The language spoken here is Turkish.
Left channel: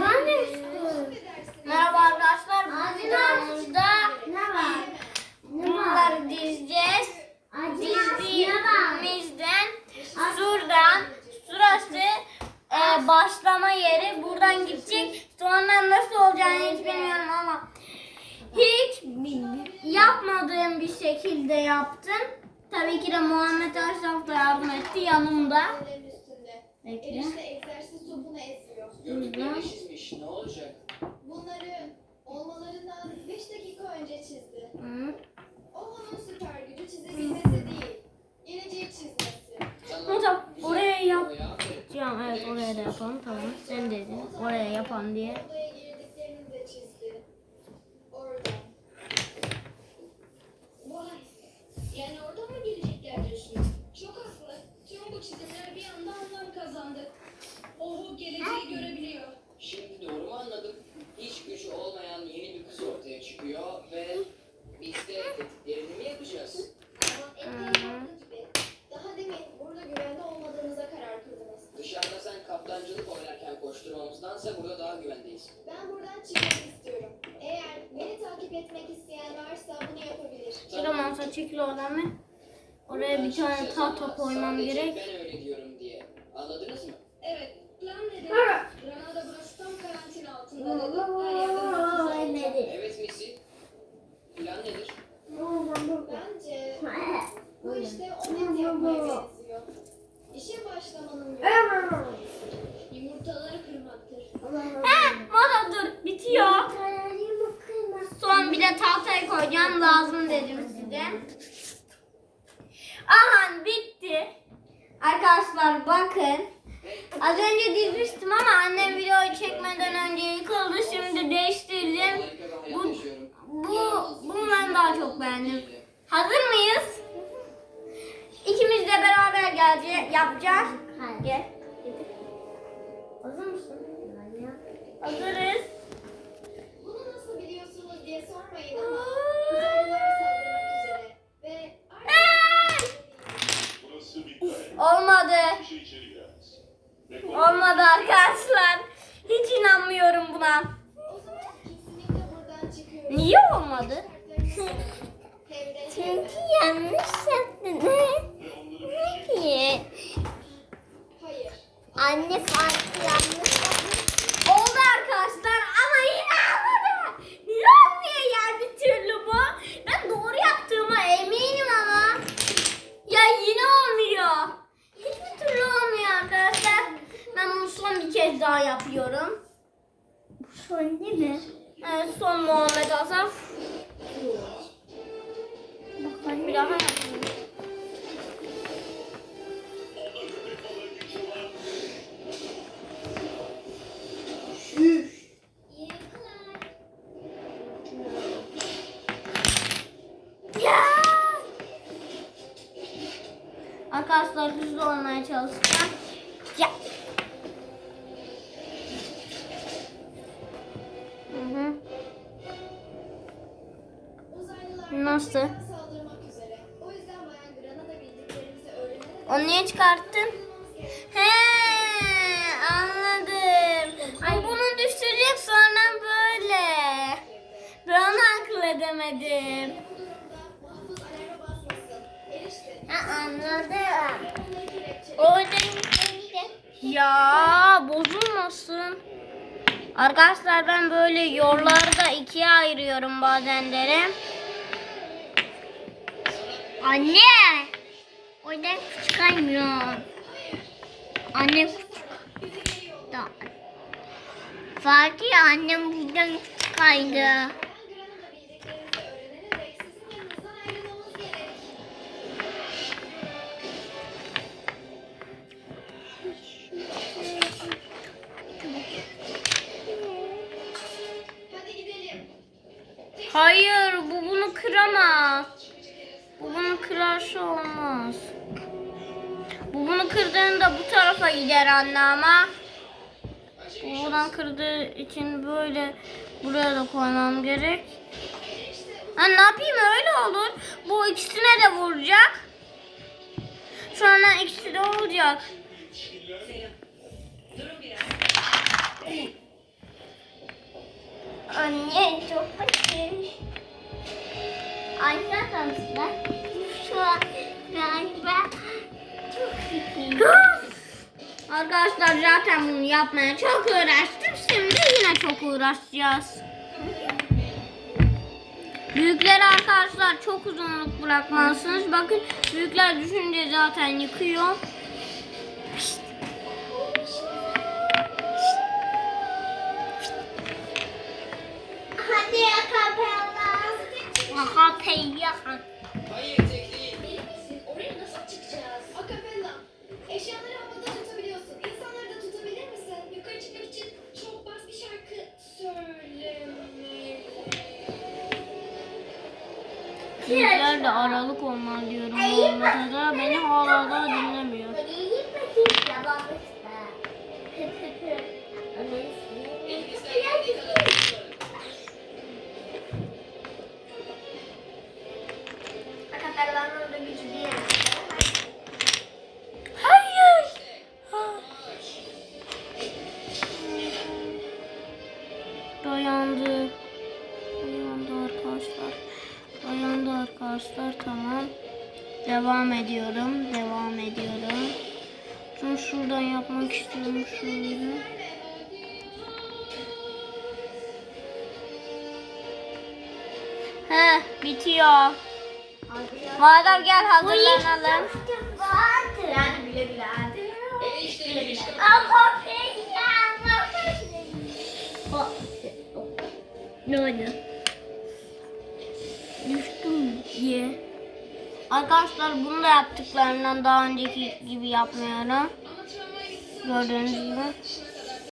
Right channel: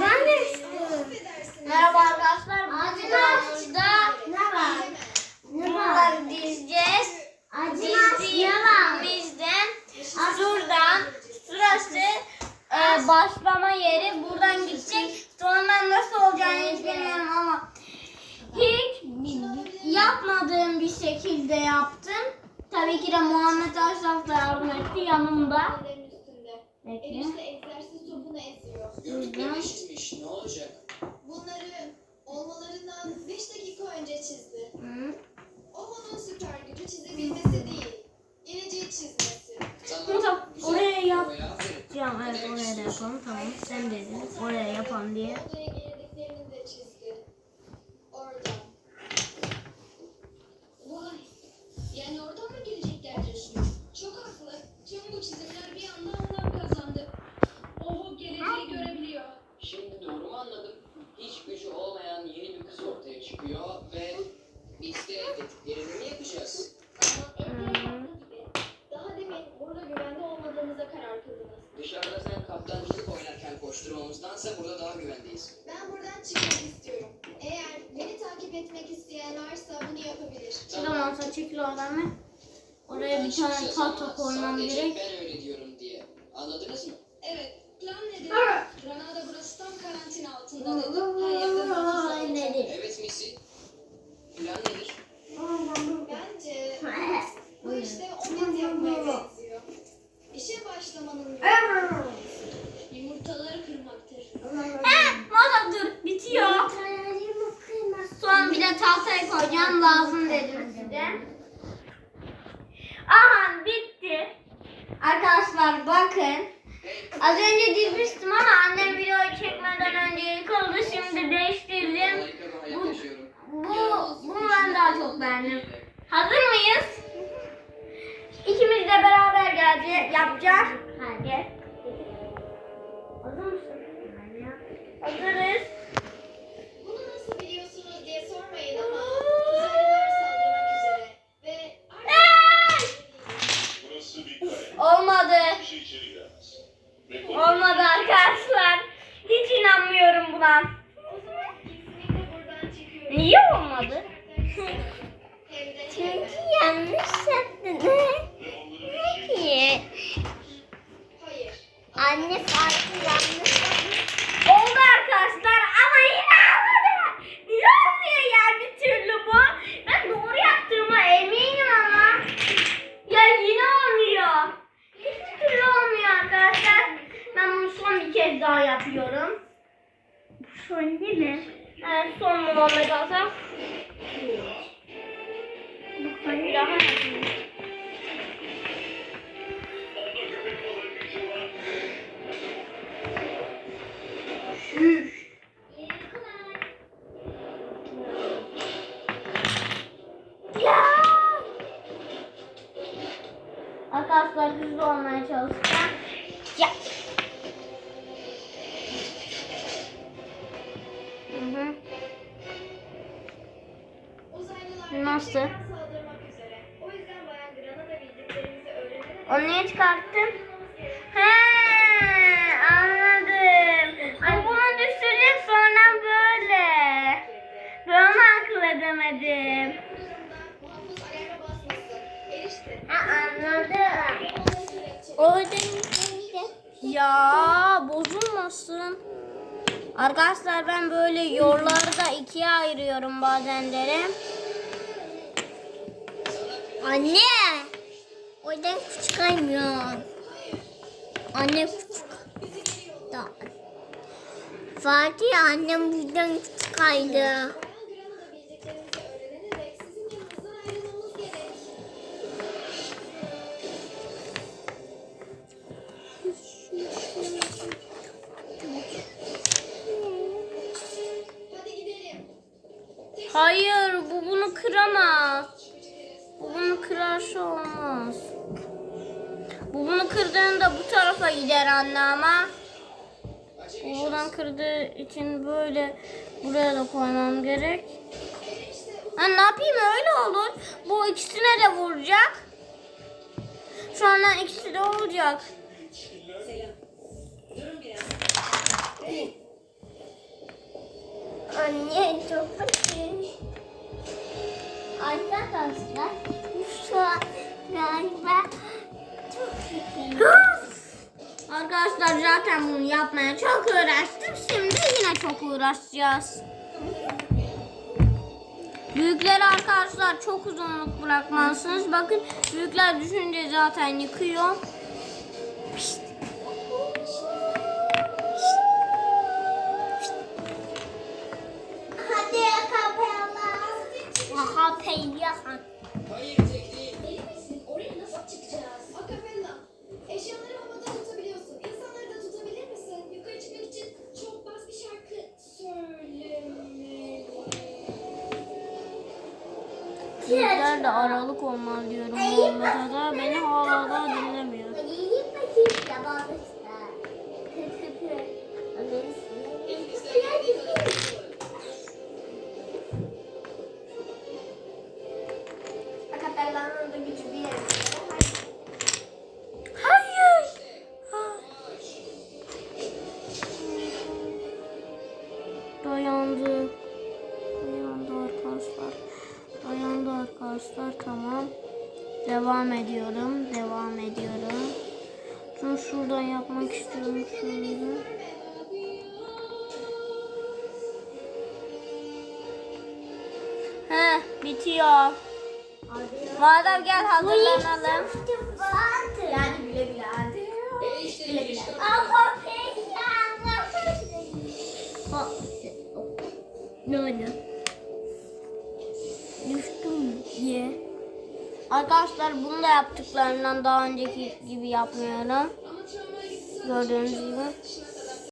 Ben de istiyorum. Merhaba arkadaşlar. Bu Acı videomuzda Ne var? Var? bunları dizeceğiz. Var? Dizdiğimizden şuradan şurası e, başlama yeri. Buradan gidecek. Sonra nasıl olacağını hiç bilmiyorum ama hiç yapmadığım bir şekilde yaptım. Tabii ki de Muhammed Aşraf da yardım etti yanımda. Bekle. Enişte egzersiz topunu eziyor. Gördükleri çizmiş. Ne olacak? Bunları olmalarından 5 dakika önce çizdi. Hı. O onun çekil oradan mı? Oraya bir tane tahta koymam gerek. Arkadaşlar bakın. Az önce dizmiştim ama annem videoyu çekmeden önce yıkıldı. Şimdi değiştirdim. Bu, bu, bunu ben daha çok beğendim. Hazır mıyız? İkimiz de beraber geleceğiz, yapacağız. Gel. Hazır mısın? Hazırız. Bunu nasıl biliyorsunuz diye sormayın ama uzaylılar saldırmak üzere. Ve Hey! Burası bir kare. Olmadı. Bir şey içeri giremez. Ve bu Olmadı arkadaşlar. Hiç inanmıyorum buna. o zaman kesinlikle buradan çıkıyoruz. Niye olmadı? Çünkü yanlış yaptın. Niye? Anne farklı yanlış Evet, son Muhammed Asaf. Bir daha yapayım. Ya! Arkadaşlar hızlı olmaya çalışacağım. Ya. Öğrenerek Onu niye çıkarttın? He, anladım. Ay bunu düşürecek sonra böyle. Ben onu akıl edemedim. Ha, anladım. Orada ya bozulmasın. Arkadaşlar ben böyle yollarda ikiye ayırıyorum bazenleri. Anne. Oradan küçük kaymıyor. Anne. Tamam. Fatih annem buradan gidelim. Hayır bu bunu kıramaz. Bu bunu kırarsa olmaz. Bu bunu kırdığında bu tarafa gider anne ama. Bu buradan kırdığı için böyle buraya da koymam gerek. Ben ne yapayım öyle olur. Bu ikisine de vuracak. Şu anda ikisi de olacak. Anne çok basit. Arkadaşlar şu an galiba çok. Arkadaşlar zaten bunu yapmaya çok uğraştım. Şimdi yine çok uğraşacağız. Büyükleri arkadaşlar çok uzunluk bırakmalısınız. Bakın büyükler düşünce zaten yıkıyor. Büyükler de aralık olmaz diyorum da. Beni hala da dinlemiyor. Arkadaşlar. Tamam. Devam ediyorum. Devam ediyorum. Şunu şuradan yapmak istiyorum. Şöyle. Heh, bitiyor. Madem gel hazırlanalım. Ne oldu? Düştüm diye. Arkadaşlar bunu da yaptıklarından daha önceki gibi yapmıyorum. Gördüğünüz gibi.